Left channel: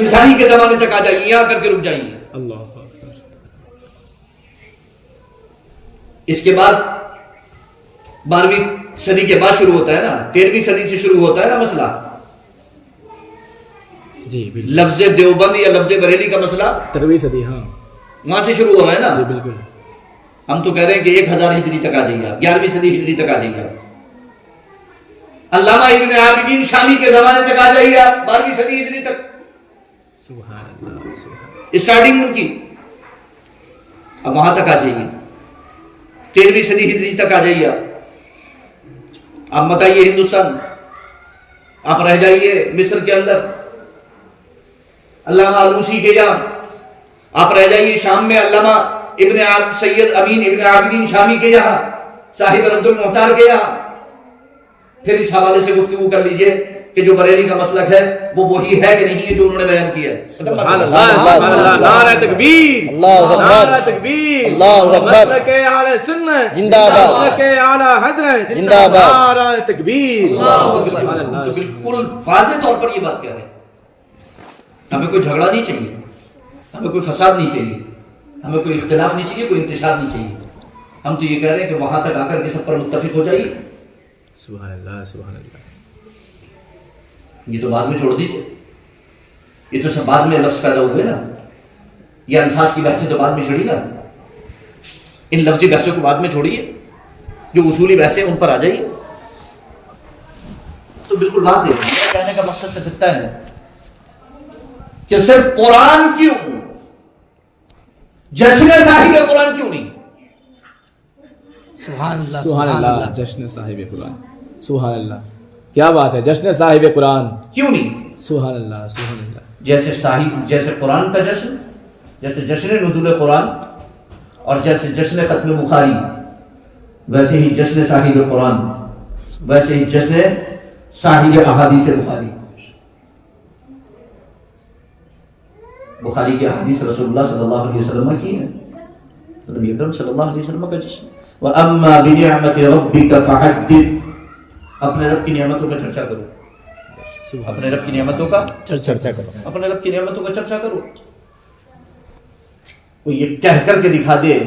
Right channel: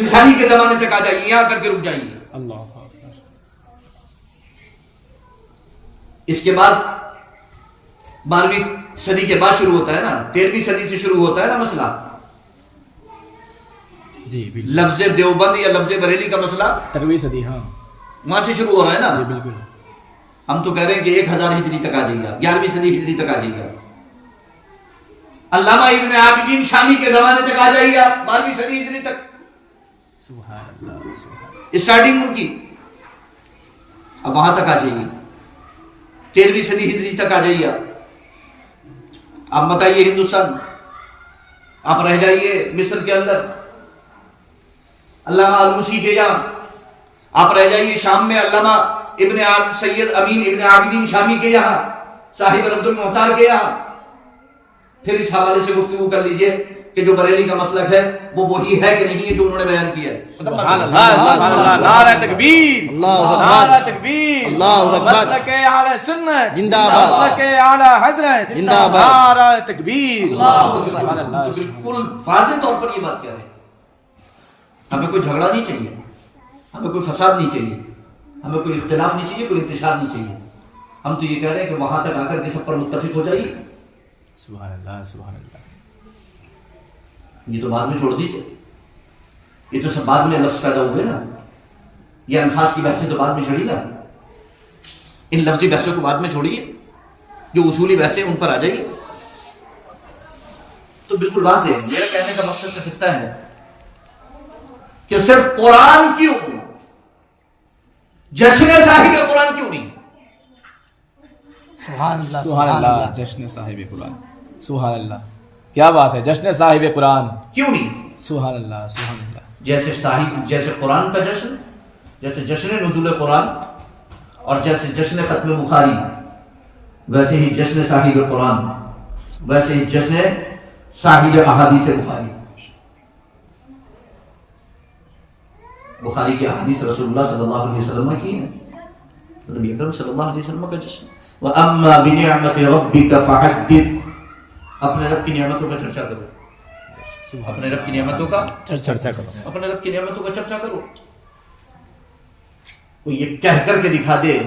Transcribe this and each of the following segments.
عیسائی کے زمانے تک آ جائیے، یہاں کر کے رک جائیے۔ اللہ اس کے بعد 12ویں صدی کے بعد شروع ہوتا ہے نا، 13ویں صدی سے شروع ہوتا ہے نا مسئلہ، جی بالکل، لفظ دیوبند یا لفظ بریلی کا مسئلہ 13ویں صدی، ہاں وہاں سے شروع ہو رہا ہے نا۔ جی بالکل، ہم تو کہہ رہے ہیں کہ 1000 ہجری تک آ جائے گا، 11ویں صدی ہجری تک آ جائے گا۔ علامہ ابن عابدین شامی کے زمانے تک آ جائے گا، 12ویں صدی ہجری تک سبحان اللہ، سبحان اسٹارٹنگ ان کی، اب وہاں تک آ جائیے، 13ویں صدی ہجری تک آ جائیے۔ آپ بتائیے ہندوستان، آپ رہ جائیے مصر کے اندر علامہ آلوسی کے یہاں، آپ رہ جائیے شام میں علامہ سید امین ابن عابدین شامی کے یہاں، صاحب رد المحتار کے یہاں، پھر اس حوالے سے گفتگو کر لیجئے کہ جو بریلی کا مسلک ہے وہ وہی ہے کہ نہیں ہے جو انہوں نے بیان کیا ہے۔ سبحان اللہ، سبحان اللہ، نعرہ تکبیر، اللہ اکبر، نعرہ تکبیر، اللہ اکبر، مسلک اعلی سنت زندہ باد، مسلک اعلی حضرت، زندہ باد، نعرہ تکبیر، سبحان تو اللہ، بالکل واضح طور پر یہ بات کہہ رہے ہیں۔ ہمیں کوئی جھگڑا نہیں چاہیے، ہمیں کوئی فساد نہیں چاہیے، ہمیں کوئی اختلاف نہیں چاہیے، کوئی انتشار نہیں چاہیے۔ ہم تو یہ کہہ رہے ہیں کہ وہاں تک آ کر کے سب پر متفق ہو جائیے۔ سبحان اللہ، سبحان اللہ، یہ تو بعد میں چھوڑ دیجیے، یہ تو سب بعد میں لفظ پیدا ہوئے نا، یہ الفاظ کی بحثیں تو بعد میں چھڑی نا، ان لفظی بحثوں کو بعد میں چھوڑیے، جو اصولی بحثیں ان پر آ جائیے۔ تو بالکل واضح ہے، میرا کہنے کا مقصد صرف اتنا ہے کہ صرف قرآن کیوں، جشن صاحب قرآن کیوں نہیں؟ سبحان اللہ، سبحان اللہ، جشن صاحب قرآن، سبحان اللہ، کیا بات ہے، جشن صاحب قرآن، کیوں نہیں؟ سبحان اللہ، سبحان اللہ، جیسے قرآن کا جشن، جیسے جشن نزول قرآن اور جیسے جشن ختم بخاری، ویسے ہی جشن صاحب قرآن، ویسے ہی جشن صاحب احادیث بخاری۔ بخاری کی احادیث رسول اللہ صلی اللہ علیہ وسلم کی ہے، نبی اکرم صلی اللہ علیہ وسلم کا جشن۔ وَأَمَّا بِنِعْمَةِ رَبِّكَ فَحَدِّثْ، اپنے رب کی نعمتوں کا چرچا کرو، اپنے رب کی نعمتوں کا چرچا کرو، اپنے رب کی نعمتوں کا چرچا کرو۔ کوئی یہ کہہ کر کے دکھا دے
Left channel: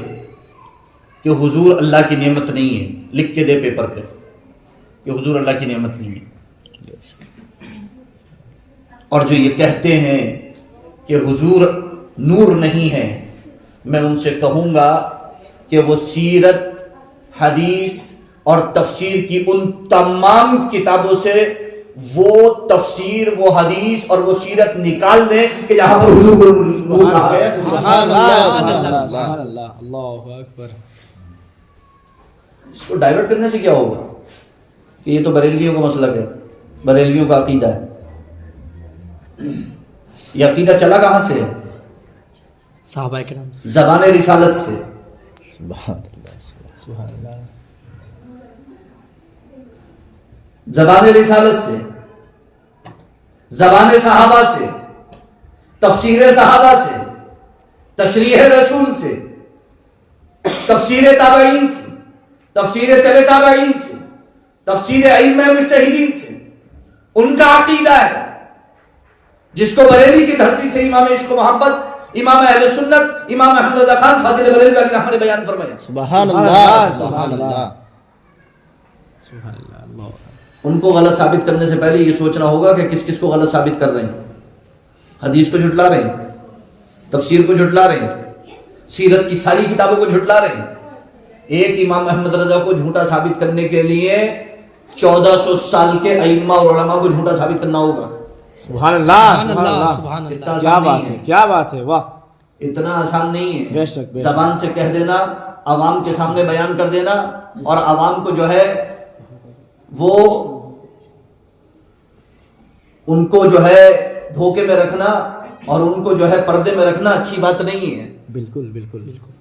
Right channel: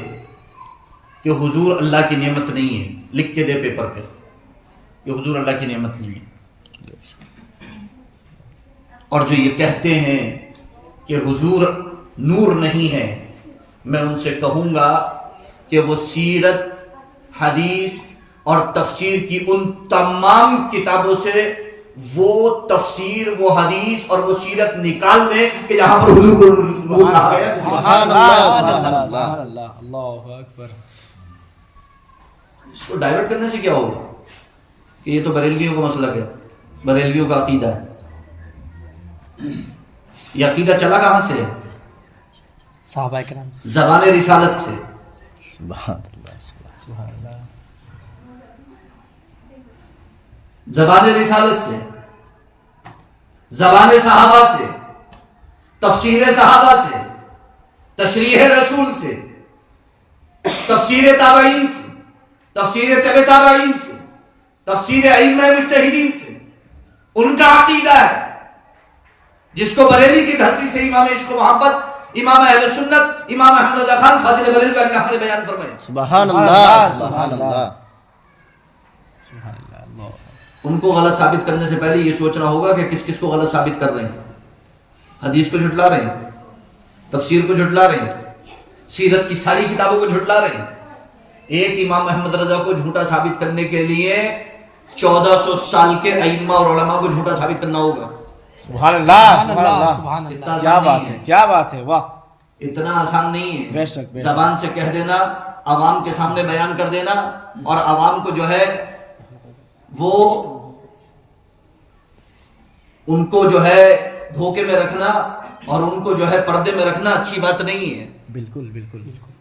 کہ حضور اللہ کی نعمت نہیں ہے، لکھ کے دے پیپر پہ کہ حضور اللہ کی نعمت نہیں ہے، اور جو یہ کہتے ہیں کہ حضور نور نہیں ہے، میں ان سے کہوں گا کہ وہ سیرت، حدیث اور تفسیر کی ان تمام کتابوں سے وہ تفسیر، وہ حدیث اور وہ سیرت نکال دیں کہ جہاں پر حضور کو نور کہا گیا ہے۔ سبحان اللہ، سبحان اللہ، سبحان اللہ، اللہ اکبر۔ اس کو ڈائیورٹ کرنے سے کیا ہوگا کہ یہ تو بریلویوں کا مسلک ہے، بریلویوں کا عقیدہ ہے۔ یہ عقیدہ چلا کہاں سے ہے؟ صحابہ کرام سے، زبان رسالت سے۔ سبحان اللہ، سبحان اللہ، زبان رسالت سے، زبان صحابہ سے، تفسیر صحابہ سے، تشریح رسول سے، تفسیر تابعین سے، تفسیر تبع تابعین سے، تفسیر ائمہ مجتہدین سے۔ ان کا عقیدہ ہے جس کو بریلی کی دھرتی سے امام عشق و محبت، امام اہل سنت، امام احمد رضا خان فاضل بریلوی علیہ الرحمہ نے بیان فرمایا۔ سبحان اللہ، سبحان اللہ، سبحان اللہ، اللہ، ان کو غلط ثابت کرنے سے پہلے یہ سوچنا ہوگا کہ کس کس کو غلط ثابت کر رہے ہیں۔ حدیث کو جھٹلا رہے ہیں، تفسیر کو جھٹلا رہے ہیں، سیرت کی ساری کتابوں کو جھٹلا رہے ہیں۔ ایک امام احمد رضا کو جھوٹا ثابت کرنے کے لیے 1400 سال کے ائمہ اور علماء کو جھوٹا ثابت کرنا ہوگا۔ سبحان اللہ، سبحان اللہ، سبحان اللہ، اتنا کیا آسان بات نہیں ہے، کیا بات ہے، واہ، اتنا آسان نہیں ہے۔ بے شک، بے شک۔ زبان سے کہہ دینا، عوام کے سامنے بیان کر دینا، اور عوام کو جو ہے وہ ان کو جو ہے دھوکے میں رکھنا اور ان کو جو ہے پردے میں رکھنا اچھی بات نہیں ہے۔ بالکل بالکل بالکل،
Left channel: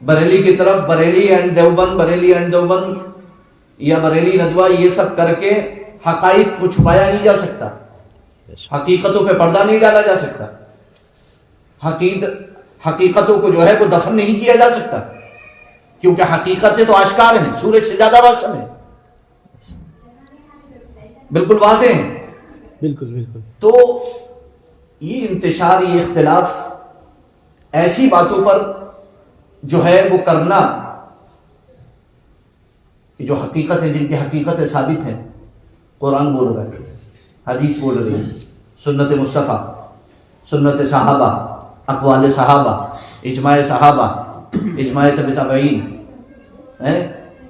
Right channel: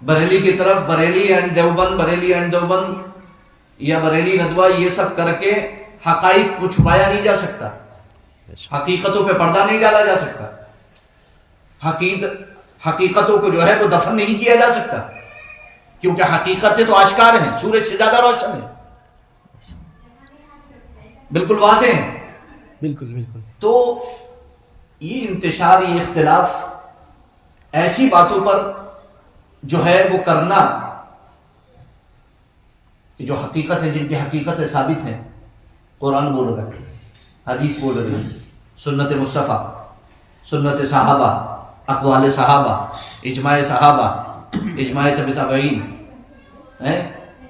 بریلی کی طرف بریلی اینڈ دیوبند، بریلی اینڈ دیوبند یا بریلی ندوہ، یہ سب کر کے حقائق کو چھپایا نہیں جا سکتا، حقیقتوں پہ پردہ نہیں ڈالا جا سکتا، حقیقتوں کو جو ہے وہ دفن نہیں کیا جا سکتا، کیونکہ حقیقتیں تو آشکار ہیں، سورج سے زیادہ روشن ہیں، بالکل واضح ہیں۔ بالکل بالکل، تو یہ انتشار، یہ اختلاف ایسی باتوں پر جو ہے وہ کرنا جو حقیقت ہے، جن کی حقیقتیں ثابت ہیں، قرآن بول رہا ہے، حدیث بول رہی ہے، سنت مصطفیٰ، سنت صحابہ، اقوال صحابہ، اجماع صحابہ، اجماع تبع تابعین،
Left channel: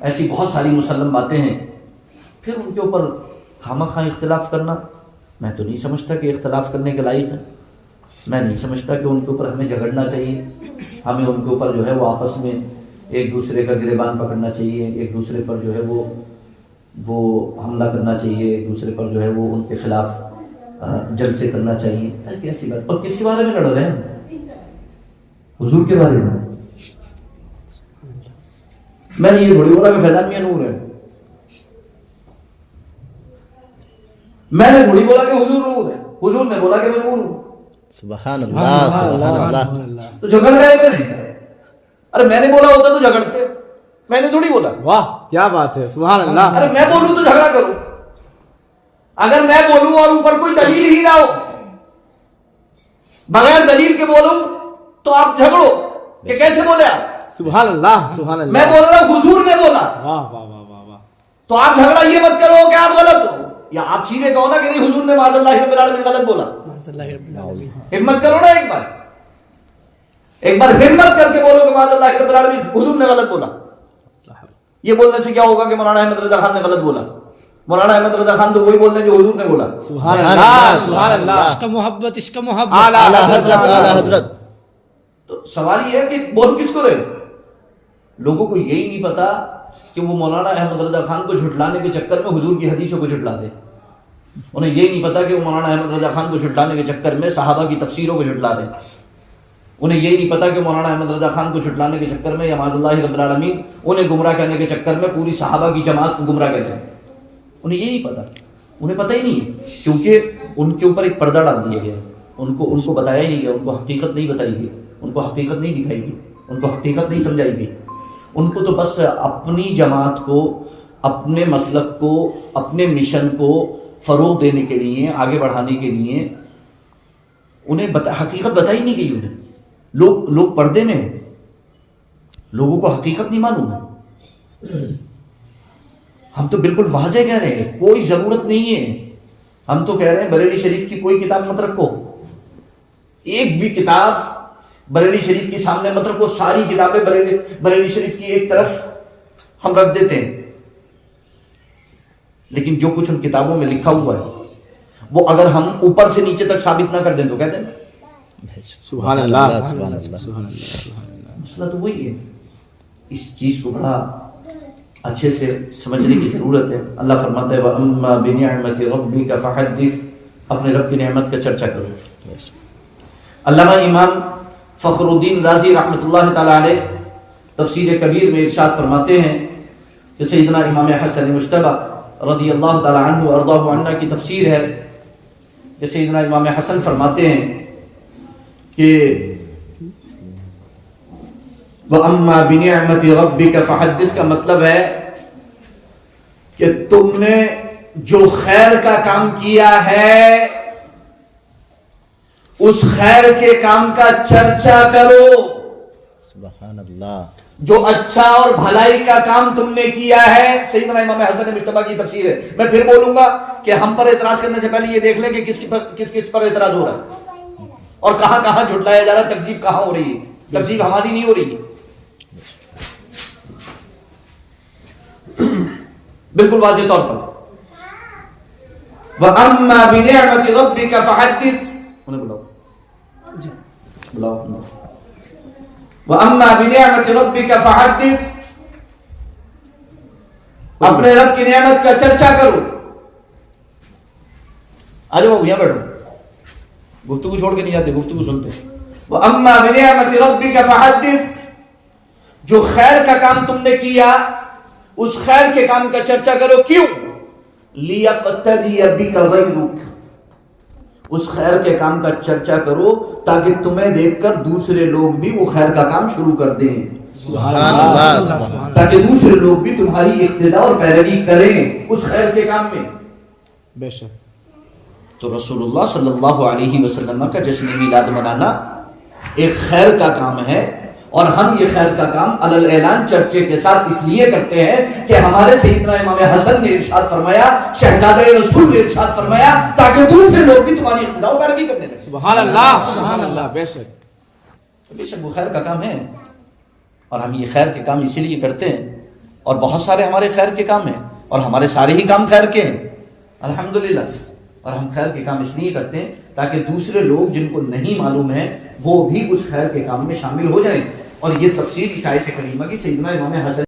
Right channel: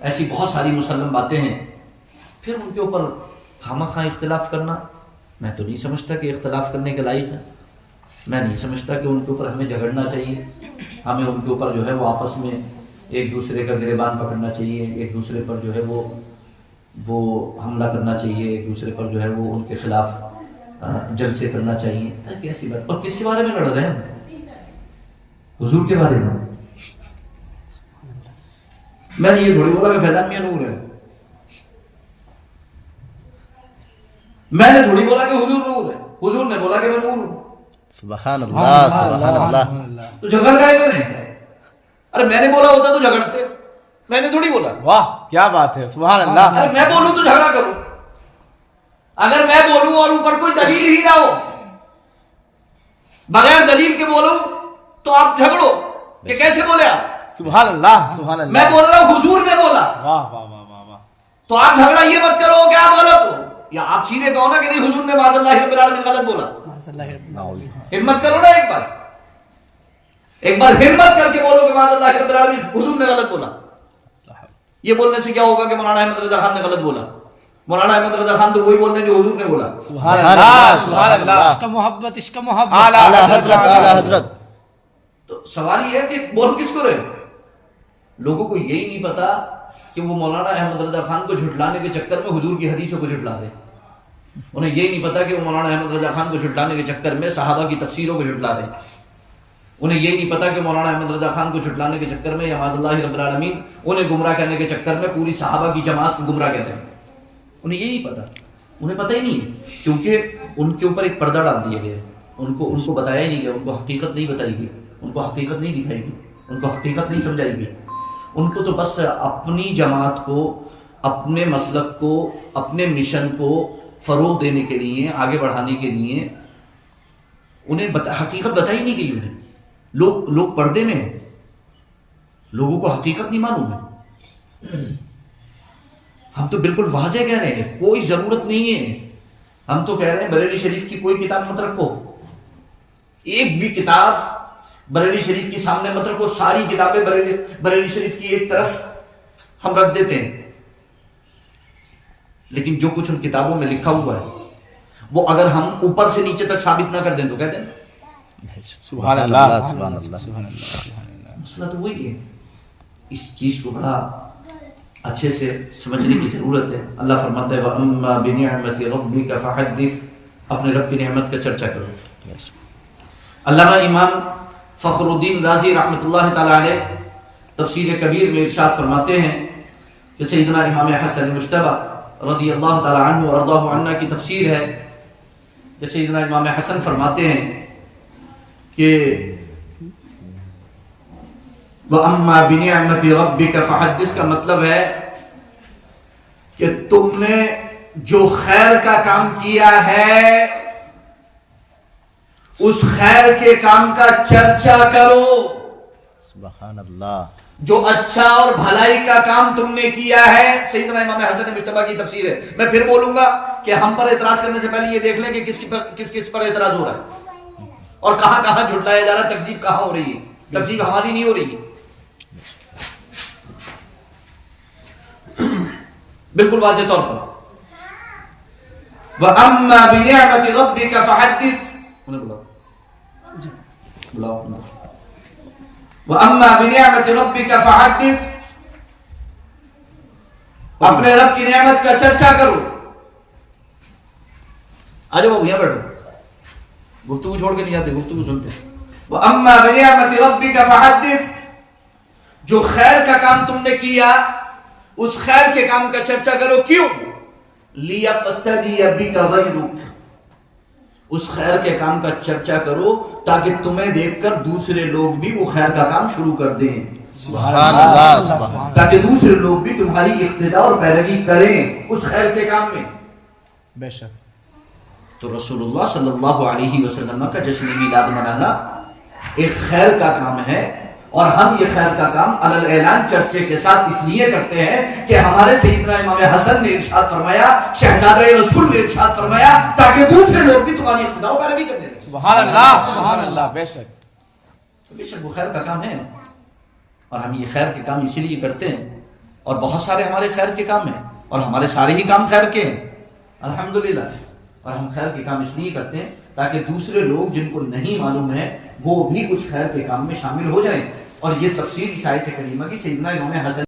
ایسی بہت ساری مسلم باتیں ہیں، پھر ان کے اوپر خامخواہ اختلاف کرنا میں تو نہیں سمجھتا کہ اختلاف کرنے کے لائق ہے. میں نہیں سمجھتا کہ ان کے اوپر ہمیں جھگڑنا چاہیے. ہمیں ان کے اوپر جو ہے وہ آپس میں ایک دوسرے کا گریبان پکڑنا چاہیے، ایک دوسرے پر جو ہے وہ حملہ کرنا چاہیے، ایک دوسرے پر جو ہے وہ ان کے خلاف جلسے کرنا چاہیے. کیسی بات؟ اور کس کے بارے میں لڑ رہے ہیں؟ حضور کے بارے میں. میں نے یہ بڑی بولا کہ فیضان میاں نور ہے، میں نے تھوڑی بولا کہ حضور نور ہے، حضور نے بولا کہ میں نور ہوں. سبحان اللہ سبحان اللہ. تو جھگڑ گئے میں نے. ارے میں نے بولا ہوتا تو جھگڑتے، میں نے تھوڑی بولا. واہ کیا بات ہے، سبحان اللہ. ارے میں بولوں تو جھگڑا کروں، اگر میں بولوں اور اوپر کوئی دلیل ہی نہ ہو، بغیر دلیل کے بولوں تو آپ جھگڑو کہ کیسے بولے آپ. سبحان اللہ سبحان اللہ. میں بول رہا ہوں حضور نے بولا، واہ واہ واہ واہ واہ. تو آپ جھگڑا یہ مت کرو کہ آپ غلط ہو، یا آپ سیدھے کہو نا کہ نہیں حضور نے معاذ اللہ رب العالمین غلط بولا. ہمت کرو نا، ایک بار ہمت کر کے بولو کہ معاذ اللہ رب العالمین حضور نے غلط بولا. یہ بولنے سے کیا ہوگا کہ مولانا احمد رضا خان نے غلط بولا. مولانا احمد رضا خان تو وہی بولنے جو حضور نے بولا. سبحان اللہ سبحان اللہ. عشق محبت عشق محبت. اعلیٰ حضرت. تو سوال یہ ہے کہ بول کس کو رہے؟ لوگوں کو یہی نہیں پتا کہ وہ مولانا احمد رضا خان کو جھٹلانے کے چکر میں حضور کی حدیثوں کو جھٹلا دے. انہیں یہ نہیں پتا کہ وہ مولانا احمد رضا خان کو جھٹلانے کے چکر میں صحابہ کی تفسیروں کو جھٹلا دیں. انہیں یہ نہیں پتا کہ مولانا احمد رضا خان کو جھٹلانے کے چکر میں یا معاذ اللہ رب العالمین انہیں گمراہ کرنے کے چکر میں پوری صحابہ کی جماعت کو گمراہ کہتے ہیں. انہیں یہ نہیں پتا، انہیں پتہ ہی نہیں، کیونکہ ان کے اوپر ایک پردہ ڈال دیا گیا. ان کو بتایا ہی نہیں گیا، ان کو حقیقت نہیں بتائی گئی، ان کو حقیقت نہیں دکھائی گئی، ان کو حقیقت نہیں سمجھائی گئی. ان کو تو بس اپنی جماعت کو، اپنے مسلک کو، اپنے مشن کو فروغ دینے کے لیے، آگے بڑھانے کے لیے انہیں حقیقت بتائی نہیں گئی. انہیں لوگ پردے میں ہیں، لوگوں کو حقیقت نہیں معلوم ہے. ہم تو بالکل واضح کہہ رہے ہیں، کوئی ضرورت نہیں ہے. ہم تو کہہ رہے ہیں بریلی شریف کی کوئی کتاب مت رکھو، ایک بھی کتاب بریلی شریف کے سامنے مت رکھو. ساری کتابیں بریلی شریف کی ایک طرف ہم رکھ دیتے ہیں، لیکن جو کچھ ان کتابوں میں لکھا ہوا ہے وہ اگر ہم اوپر سے نیچے تک ثابت نہ کر دیں تو کہہ دیں سبحان اللہ سبحان اللہ. سبحان اللہ. مسئلہ تو وہی ہے. اس چیز کو بڑا اچھے سے سمجھنے کی ضرورت ہے. اللہ فرماتا ہے وَأَمَّا بِنِعْمَةِ رَبِّكَ فَحَدِّثْ، اپنے رب کی نعمت کا چرچا کرو. علامہ امام فخر الدین رازی رحمۃ اللہ تعالی علیہ تفسیر کبیر میں ارشاد فرماتے ہیں کہ سیدنا امام حسن مجتبی رضی اللہ تعالی عنہ وارضاہ عنہ کی تفسیر ہے کہ سیدنا امام حسن فرماتے ہیں کہ وَأَمَّا بِنِعْمَةِ رَبِّكَ فَحَدِّثْ کا مطلب ہے کہ تم نے جو خیر کا کام کیا ہے اس خیر کے کام کا چرچا کرو. سبحان اللہ. جو اچھا اور بھلائی کا کام تم نے کیا ہے. سیدنا امام حسن مجتبی کی تفسیر ہے. میں پھر بولوں گا کہ ہم پر اعتراض کرنے سے پہلے یہ دیکھ لیں کہ کس پر اعتراض ہو رہا ہے اور کہاں کہاں جھٹلایا جا رہا ہے، تکذیب کہاں ہو رہی ہے. تکذیب ہماری نہیں ہو رہی، بالکل واضح طور پر. وَأَمَّا بِنِعْمَةِ رَبِّكَ فَحَدِّثْ، انہیں بلاؤ. وَأَمَّا بِنِعْمَةِ رَبِّكَ فَحَدِّثْ، اپنے رب کی نعمت کا چرچا کرو. آجو بابو یہاں بیٹھو، گفتگو چھوڑ کے نہیں جاتے، گفتگو سنتے. وَأَمَّا بِنِعْمَةِ رَبِّكَ فَحَدِّثْ، جو خیر کا کام تم نے کیا اس خیر کے کام کا چرچا کرو. کیوں؟ لِيَقْتَدِيَ بِكَ غَيْرُكَ، اس خیر کے کام کا چرچا کرو تاکہ تمہیں دیکھ کر دوسرے لوگ بھی وہ خیر کا کام شروع کر دیں. سبحان اللہ. تاکہ دوسرے لوگ بھی تمہاری اقتداء اور پیروی کریں اس خیر کے کام میں. بے شک. تو رسول اللہ صلی اللہ علیہ وسلم کا جشن میلاد منانا ایک خیر کا کام ہے، اور ہم یہ خیر کا کام علی اعلان چرچے کے ساتھ اس لیے کرتے ہیں کہ ہمارے سیدنا امام حسن نے ارشاد فرمایا، شہزادہ رسول نے ارشاد فرمایا، تاکہ دوسرے لوگ بھی تمہاری اقتداء و پیروی کرنے لگیں۔ سبحان اللہ، سبحان اللہ، بے شک بے شک وہ خیر کا کام ہے، اور ہم یہ خیر کے کام اسی لیے کرتے ہیں، اور بہت سارے ہمارے خیر کے کام ہیں، اور ہمارے سارے ہی کام خیر کے ہیں الحمدللہ، اور ہم خیر کے کام اس لیے کرتے ہیں تاکہ دوسرے لوگ جن کو نہیں معلوم ہے وہ بھی اس خیر کے کام میں شامل ہو جائیں۔ اور یہ تفسیر اس آیت کریمہ کی سیدنا امام حسن